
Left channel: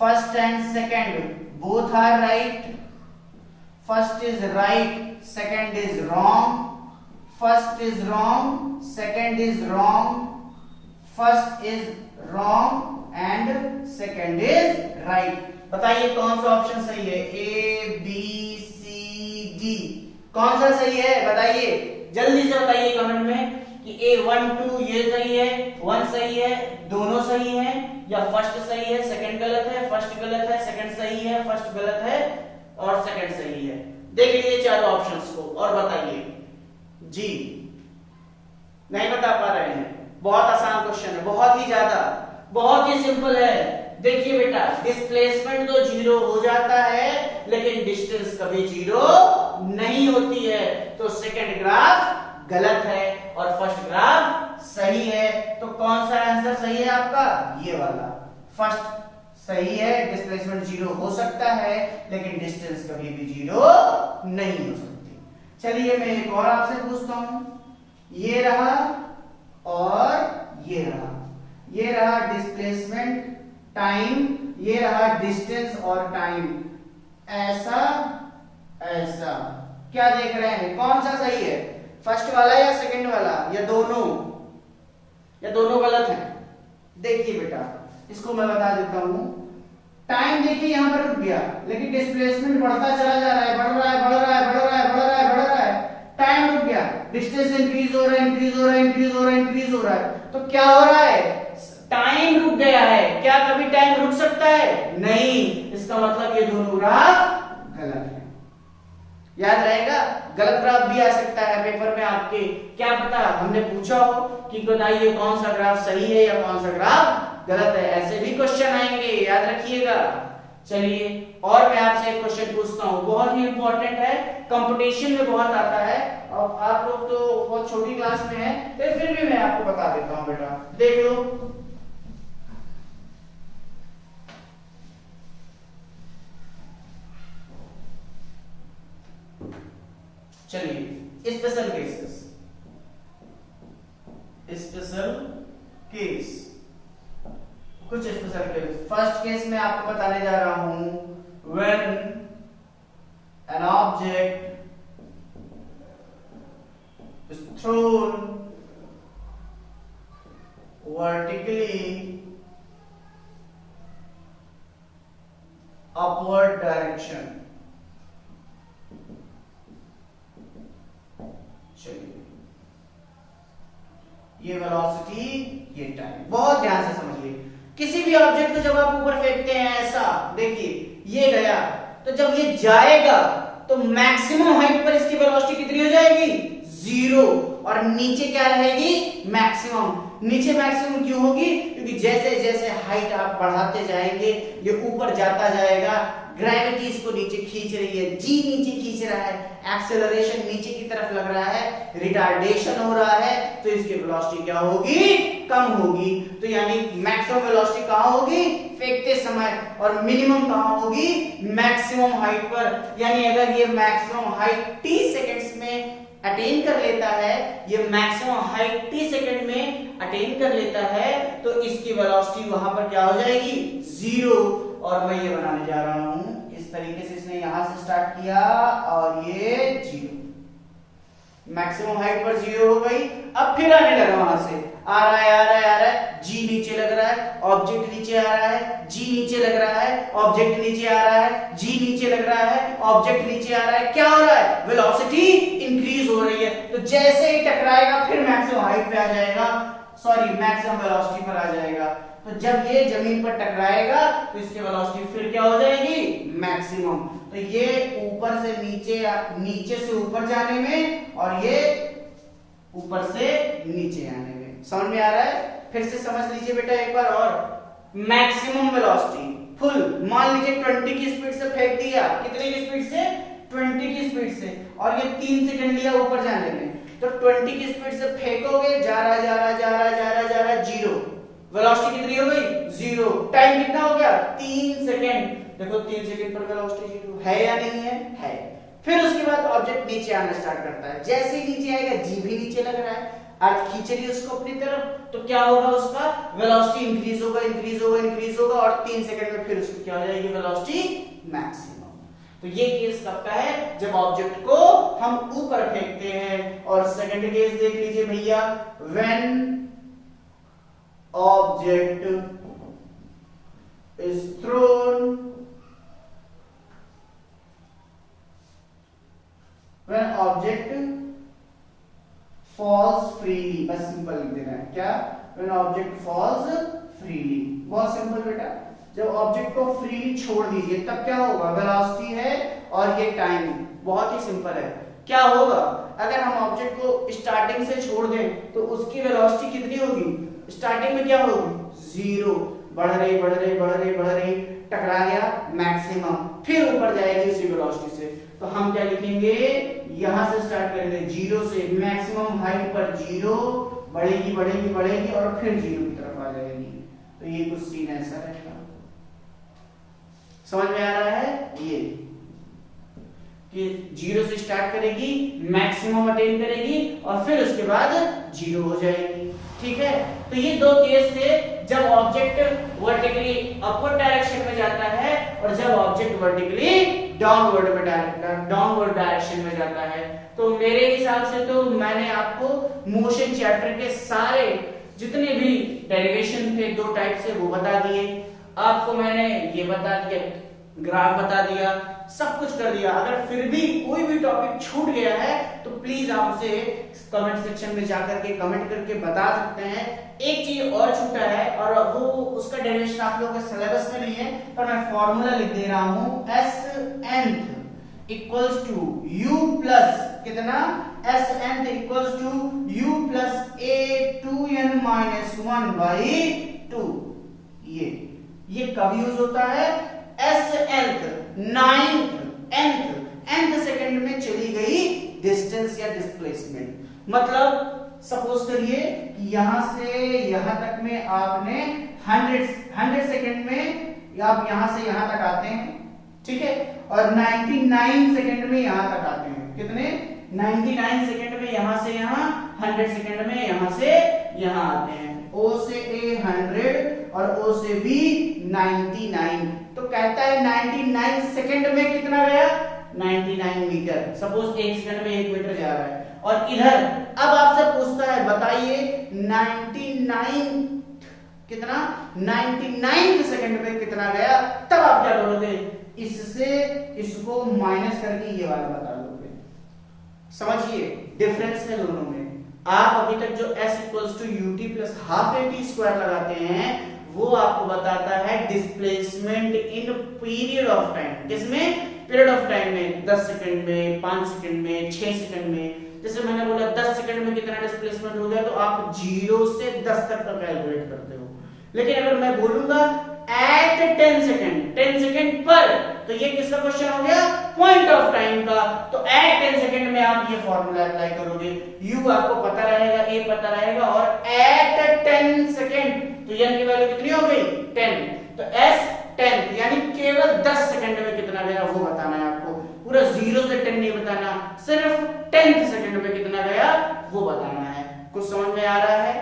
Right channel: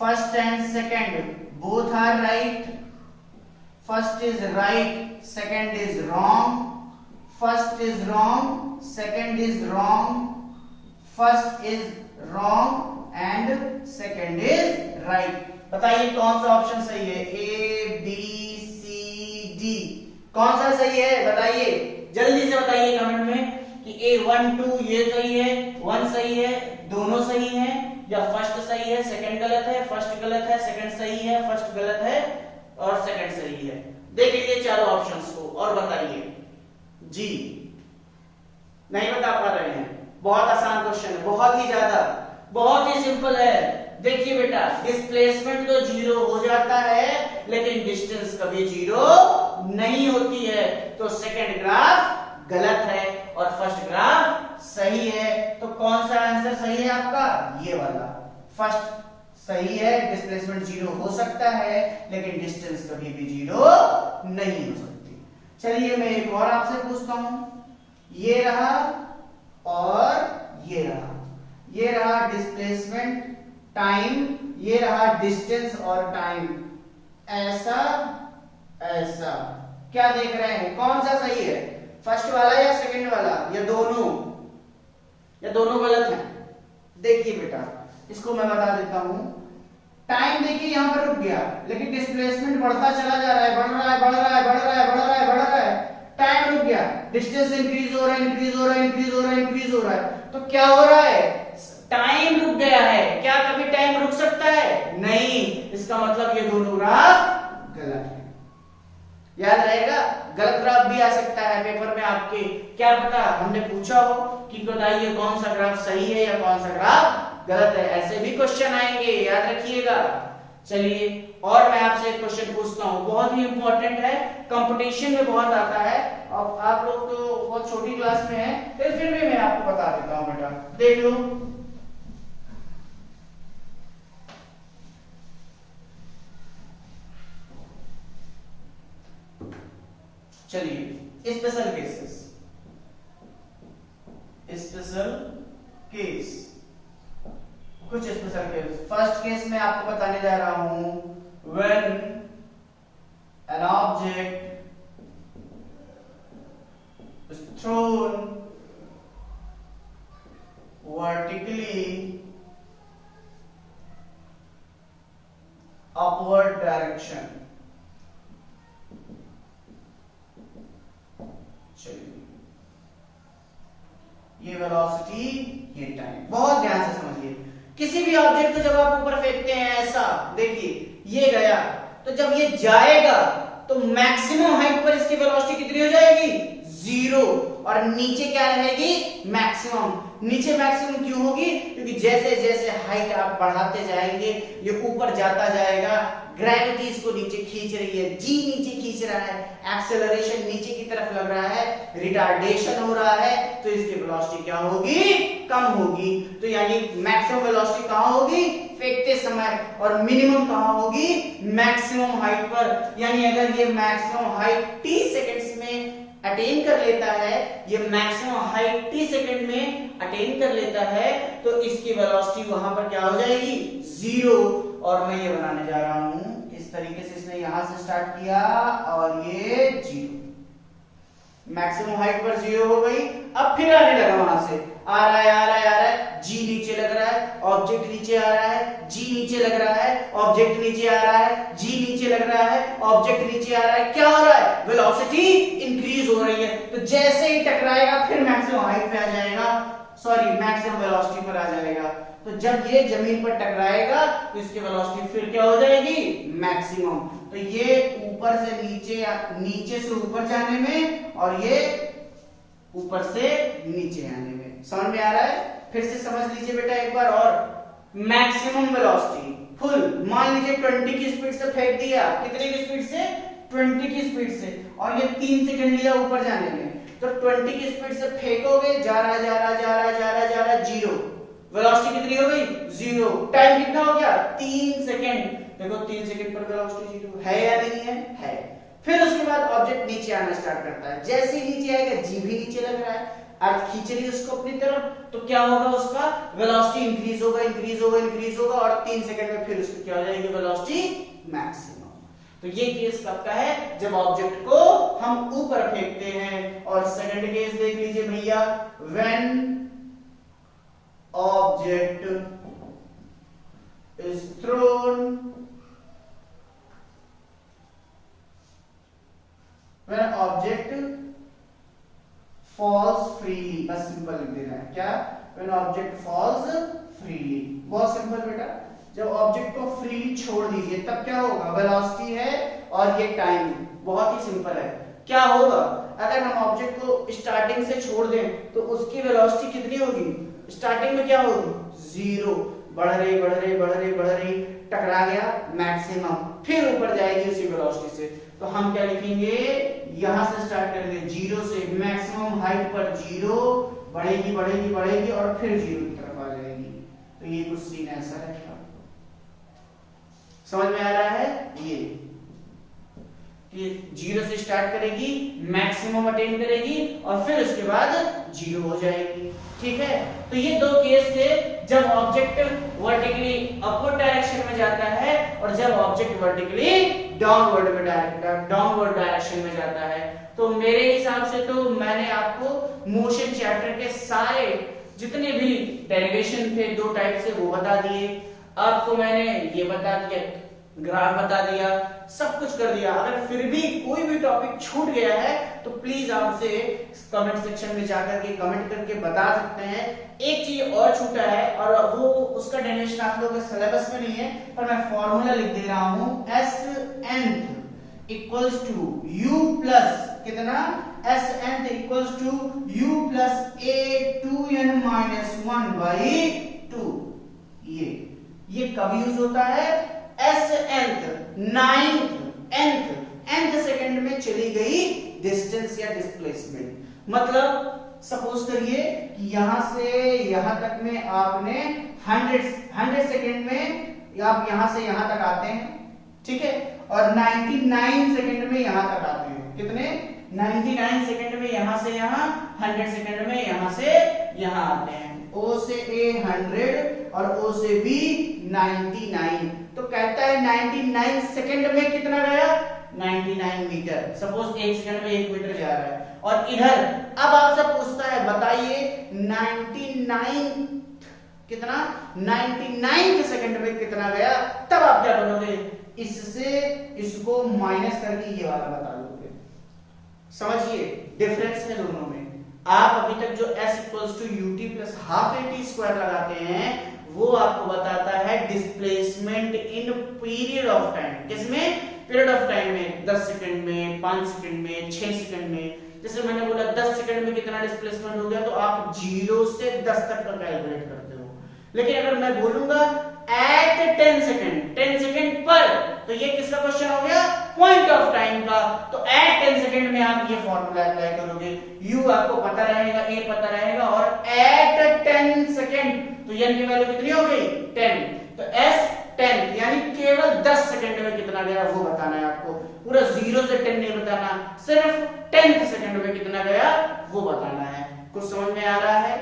first and second both are right, first is right, second is wrong, first is wrong, second is wrong, first is wrong and second is right. बताइए कौन सा ऑप्शन सही है, A B C D, कौन सा सही है, बताइए जल्दी से बताइए कमेंट में कि A 1 2 ये सही है, 1 सही है, दोनों सही है, या फर्स्ट सही है सेकंड गलत है, फर्स्ट गलत है सेकंड सही है, फर्स्ट गलत है और सेकंड सही है। देख लीजिए चारों ऑप्शंस को और बताइए जी। नहीं बता पा रहे हैं, बहुत आसान क्वेश्चन है, बहुत ही ज्यादा, बहुत ही सिंपल है। देखिए बेटा, डिस्प्लेसमेंट तो 0 हो जाता है लेकिन डिस्टेंस कभी 0 नहीं होती है, तो सेकंड ग्राफ गलत है और फर्स्ट ग्राफ सही है। तो कौन सा आंसर सही है आपका, ये वाला फर्स्ट सही है। डिस्प्लेसमेंट 0 हो सकता है लेकिन डिस्टेंस कभी भी 0 नहीं हो सकती। चलिए मैं एक और आपसे पूछता हूं, ये रहा और ये रहा, ये रहा डिस्प्लेसमेंट टाइम, ये रहा डिस्टेंस और टाइम, ऐसा ऐसा, क्या देख रहे हैं कौन सा सही है, फर्स्ट वाला या सेकंड वाला, या दोनों गलत हैं, देखिए बेटा, इसको मैं बता देता हूं। टाइम देखिए यहां पर रुक गया, लेकिन डिस्प्लेसमेंट बढ़ता चला जा रहा है, बढ़ रहा है, बढ़ रहा है, बढ़ रहा है, बढ़ रहा है, बढ़ रहा है। टाइम रुक गया, डिस्टेंस इंक्रीज हो रहा है, इंक्रीज हो रहा है, इंक्रीज हो रहा है, इंक्रीज हो रहा है। तो क्या हो रहा है? टाइम रुक गया है। क्या कभी टाइम रुक सकता है? नहीं। इसका मतलब ये दोनों ग्राफ गलत है। याद रहेगा, गलत ग्राफ भी आ सकता है पेपर में आपके। क्या पता हमने पूछा हो कि बताइए कौन सा ग्राफ सही है या कौन सा ग्राफ गलत है। ऐसे भी क्वेश्चन आएंगे, याद रखिएगा। चलिए, और मैं आपसे एक क्वेश्चन पूछता हूं, बहुत ही इंपॉर्टेंट है, कंपटीशन में बहुत आता है। और आप लोग तो बहुत छोटी क्लास में हैं, फिर भी मैं आपको बता देता हूं बेटा, देख लो। चलिए, स्पेशल केसेस, स्पेशल केस, कुछ स्पेशल केस। फर्स्ट केस में आपको बताने जा रहा हूं, when an object is thrown vertically upward direction. ये वेलोसिटी, ये टाइम। बहुत ध्यान से समझिए, किसी भी ऑब्जेक्ट को जब आप ऊपर फेंकते हैं ऐसा, देखिए ये गया, तो जब ये जाएगा तो मैक्सिमम हाइट पर इसकी वेलोसिटी कितनी हो जाएगी? 0। और नीचे क्या रहेगी? मैक्सिमम। नीचे मैक्सिमम क्यों होगी? क्योंकि जैसे जैसे हाइट आप बढ़ाते जाएंगे ये ऊपर जाता जाएगा। ग्रेविटी इसको नीचे खींच रही है, जी नीचे खींच रहा है, एक्सेलरेशन नीचे की तरफ लग रहा है, रिटार्डेशन हो रहा है, तो इसकी वेलोसिटी क्या होगी? कम होगी। तो यानी मैक्सिमम वेलोसिटी कहां होगी? फेंकते समय। और मिनिमम कहां होगी? मैक्सिमम हाइट पर। यानी अगर ये मैक्सिमम हाइट t सेकंड्स में अटेन कर लेता है, ये मैक्सिमम हाइट t सेकंड में अटेन कर लेता है, तो इसकी वेलोसिटी वहां पर क्या हो जाएगी? 0। और मैं ये बनाने जा रहा हूं, इस तरीके से इसने यहां से स्टार्ट किया और ये 0। मैक्सिमम हाइट पर 0 हो गई। अब फिर आने लगा, वहां से आ रहा है, आ रहा है, आ रहा है, जी नीचे लग रहा है, ऑब्जेक्ट नीचे आ रहा है, जी नीचे लग रहा है, ऑब्जेक्ट नीचे आ रहा है, जी नीचे लग रहा है, ऑब्जेक्ट नीचे आ रहा है। क्या हो रहा है? वेलोसिटी इंक्रीज हो रही है। तो जैसे ही टकराएगा फिर मैक्सिमम हाइट पे आ जाएगा, सॉरी मैक्सिमम वेलोसिटी पर आ जाएगा। तो जब ये जमीन पर टकराएगा तो इसकी वेलोसिटी फिर क्या हो जाएगी? मैक्सिमम। तो ये ऊपर से नीचे, नीचे से ऊपर जाने में, और ये ऊपर से नीचे आने में। समझ में आ रहा है? फिर से समझ लीजिए बेटा एक बार और। मैक्सिमम वेलोसिटी फुल, मान लीजिए 20 की स्पीड से फेंक दिया। कितने की स्पीड से? 20 की स्पीड से। और ये 3 सेकंड लिया ऊपर जाने में। तो 20 की स्पीड से फेंकोगे, जा रहा जा रहा जा रहा जा रहा जा रहा 0। वेलोसिटी कितनी हो गई? 0। टाइम कितना हो गया? 3 सेकंड। देखो 3 सेकंड पर वेलोसिटी 0 है या नहीं है? है। फिर उसके बाद ऑब्जेक्ट नीचे आना स्टार्ट करता है। जैसे ही नीचे आएगा, जी भी नीचे लग रहा है, अर्थ खींच रही है उसको अपनी तरफ, तो क्या होगा? उसका वेलोसिटी इंक्रीज होगा, इंक्रीज होगा, इंक्रीज होगा, और 3 सेकंड में फिर उसकी क्या हो जाएगी? Velocity maximum. तो ये केस कब का है? जब ऑब्जेक्ट को हम ऊपर फेंकते हैं। और सेकंड केस देख लीजिए भैया, when object is thrown when object falls freely। बस सिंपल लिख देना है। क्या? when object falls freely। बहुत सिंपल बेटा। जब ऑब्जेक्ट को फ्रीली छोड़ दीजिए तब क्या होगा? वेलोसिटी है और ये टाइम। बहुत ही सिंपल है। क्या होगा? अगर हम ऑब्जेक्ट को स्टार्टिंग से छोड़ दें तो उसकी वेलोसिटी कितनी होगी? स्टार्टिंग में क्या होगी? 0। बढ़ रही बढ़ रही बढ़ रही बढ़ रही, टकरा गया मैक्सिमम, फिर ऊपर जाएगी उसी वेलोसिटी से। तो हम क्या लिखेंगे? यहां से स्टार्ट करेंगे 0 से, मैक्सिमम हाइट पर 0, बढ़ेगी बढ़ेगी बढ़ेगी और फिर 0 की तरफ आ जाएगी। तो ये कुछ सीन ऐसा रहेगा। समझ में आ रहा है? ये कि 0 से स्टार्ट करेगी, मैक्सिमम अटेन करेगी और फिर उसके बाद 0 हो जाएगी। ठीक है? तो ये दो केस थे, जब ऑब्जेक्ट वर्टिकली अपवर्ड डायरेक्शन में जाता है और जब ऑब्जेक्ट वर्टिकली डाउनवर्ड डायरेक्शन में जाता है। तो मेरे हिसाब से तो मैंने आपको मोशन चैप्टर के सारे जितने भी डेरिवेशन थे 2 टाइप से वो बता दिए, आपको मैंने ये बता दिया, ग्राफ बता दिया, सब कुछ कर दिया। अगर फिर भी कोई भी टॉपिक छूट गया है तो प्लीज आप उसे कमेंट सेक्शन में जाकर के कमेंट करके बता सकते हैं। एक चीज और छूटा है और वो उसका डेरिवेशन आप लोगों के सिलेबस में नहीं है, पर मैं फॉर्मूला लिख दे रहा हूं, Snth equals to u plus कितना, Snth equals to u plus a2n minus 1 by 2। ये कब यूज होता है, Snth, 9th, nth सेकंड में चली गई डिस्टेंस या डिस्प्लेसमेंट। मतलब सपोज करिए कि यहां से यहां तक में आपने 100 सेकंड में आप यहां से यहां तक आते हैं, ठीक है, और 99 सेकंड में यहां तक आते हैं। कितने, 99 सेकंड में यहां से यहां, 100 सेकंड में यहां से यहां आते हैं। O से A 100 और O से B 99, तो कहता है 99 सेकंड में कितना गया, 99 मीटर। सपोज 1 सेकंड में 1 मीटर जा रहा है। और इधर अब आपसे पूछता है बताइए 99 कितना, 99 सेकंड में कितना गया, तब आप क्या करोगे, इससे इसको माइनस करके ये वाला बता दोगे। समझिए डिफरेंस है दोनों में। आप अभी तक जो s equals to ut plus half at square लगाते हैं वो आपको बताता है displacement in period of time. किसमें, पीरियड ऑफ टाइम में, 10 सेकंड में, 5 सेकंड में, 6 सेकंड में। जैसे मैंने बोला 10 सेकंड में कितना डिस्प्लेसमेंट हो गया, तो आप 0 से 10 तक का कैलकुलेट करते हो। लेकिन अगर मैं बोलूंगा एट 10 सेकंड पर, तो ये किसका क्वेश्चन हो गया, पॉइंट ऑफ टाइम का। तो एट 10 सेकंड में आप ये फॉर्मूला अप्लाई करोगे, u आपको पता रहेगा, a पता रहेगा, और एट 10 सेकंड तो n की वैल्यू कितनी हो गई, 10। तो s 10 यानी केवल 10 सेकंड में कितना गया वो बताना है आपको। पूरा 0 से 10 नहीं बताना, सिर्फ 10 सेकंड में कितना गया वो बताना है। कुछ समझ में आ रहा है।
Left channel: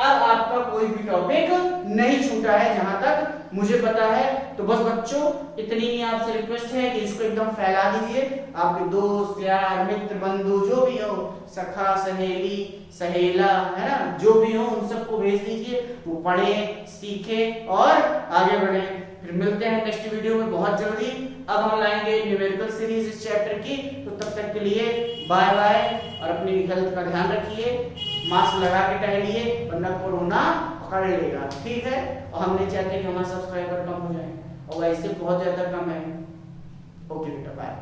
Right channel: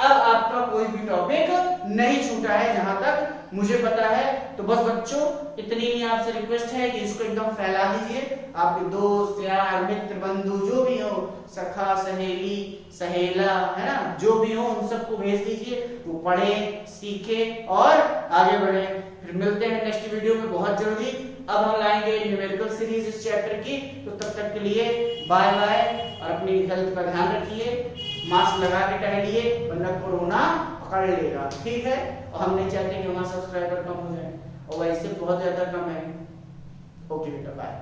अब आपका कोई भी टॉपिक नहीं छूटा है जहां तक मुझे पता है। तो बस बच्चों इतनी ही आपसे रिक्वेस्ट है कि इसको एकदम फैला दीजिए। आपके दोस्त यार मित्र बंधु जो भी हो, सखा सहेली सहेला है ना, जो भी हो उन सबको भेज दीजिए, वो पढ़े सीखे और आगे बढ़े। फिर मिलते हैं नेक्स्ट वीडियो में बहुत जल्दी। अब हम लाएंगे न्यूमेरिकल सीरीज इस चैप्टर की। तो तब तक के लिए बाय बाय और अपनी हेल्थ का ध्यान रखिए, मास्क लगा के टहलिए वरना कोरोना पकड़ लेगा, ठीक है। और हम नहीं चाहते कि हमारे सब्सक्राइबर कम हो जाए, और वैसे बहुत ज्यादा कम है। ओके बेटा बाय।